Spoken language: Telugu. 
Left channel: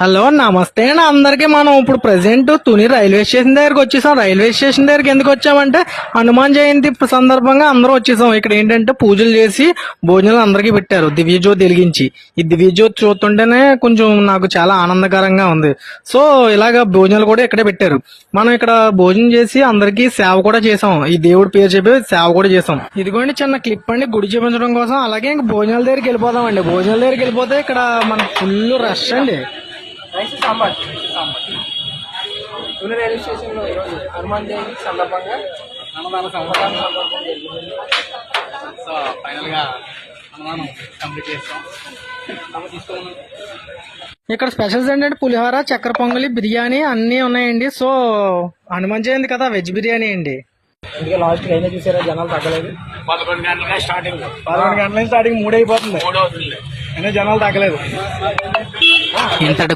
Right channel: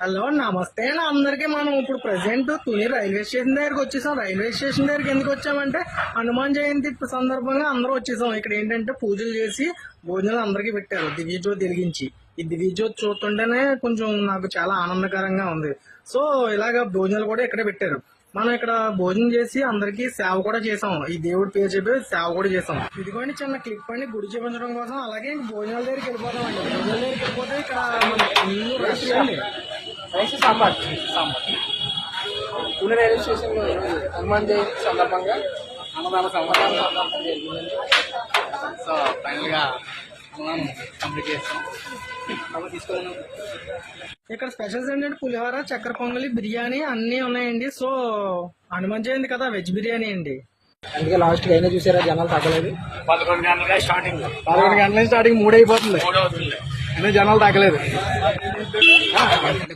హలో నమస్తే అండి అందరికి. మనం ఇప్పుడు ప్రెసెంట్ తుని రైల్వే స్టేషన్ దగ్గరికి వచ్చేసాం. రైల్వే స్టేషన్ దగ్గరికి ఎందుకు వచ్చామంటే హనుమాన్ జయంతి సందర్భంగా అందరూ వచ్చేసాం. ఇక్కడ ఏంటంటే పూజలు చేసి భోజనాలు అందరికీ పెట్టారు దివ్యజ్యోతి వెలిగించి. ఈ దివ్యజ్యోతి చూస్తుంటేనే కొంచెం నాకు చాలా ఆనందకరంగా ఉంది. సో ఇలాగ భోజనాలు కూడా ఇక్కడే పెట్టారు. మనం ఇక్కడ భోజనం చేసి అందరికీ సేవ కూడా చేసాం. ఈ దేవుడి పేరు చెప్పి సేవ కూడా చేసాం. ఇదిగోండి చిన్న క్లిప్ అండి గుడి చూపించడం కోసం. అలాగే ఇంక భోజనాల దగ్గరికి వెళ్ళిపోదాం అండి. భోజనాల దగ్గరికి వెళ్ళిపోతే ఇక్కడ మన ఫుల్ రష్ అండి. సాంబార్ తుని రైల్వే స్టేషన్ లో ఈరోజు హనుమాన్ జయంతి సందర్భంగా అన్నదాన సందర్భం జరిగింది. సో ఫైనల్ గా అన్నదానం కంప్లీట్ చేస్తాం. తీసుకోవాలి. ఇక్కడ స్పెషల్స్ ఏంటంటే పులిహోర, చక్కెర పొంగలి, బిర్యానీ అన్నీ ఉన్నాయండి. సో హనుమాన్ జయంతి కదా, వెజ్ బిర్యానీ అండి. అందుకే లాస్ట్ అయినా చూసారా జనాలు తగ్గలేదు. 11 గంటలకే స్టార్టింగ్ 11 గంటల స్టార్టింగ్ 3 అయిపోతుంది. అయినా జనాలు తగ్గలేదు.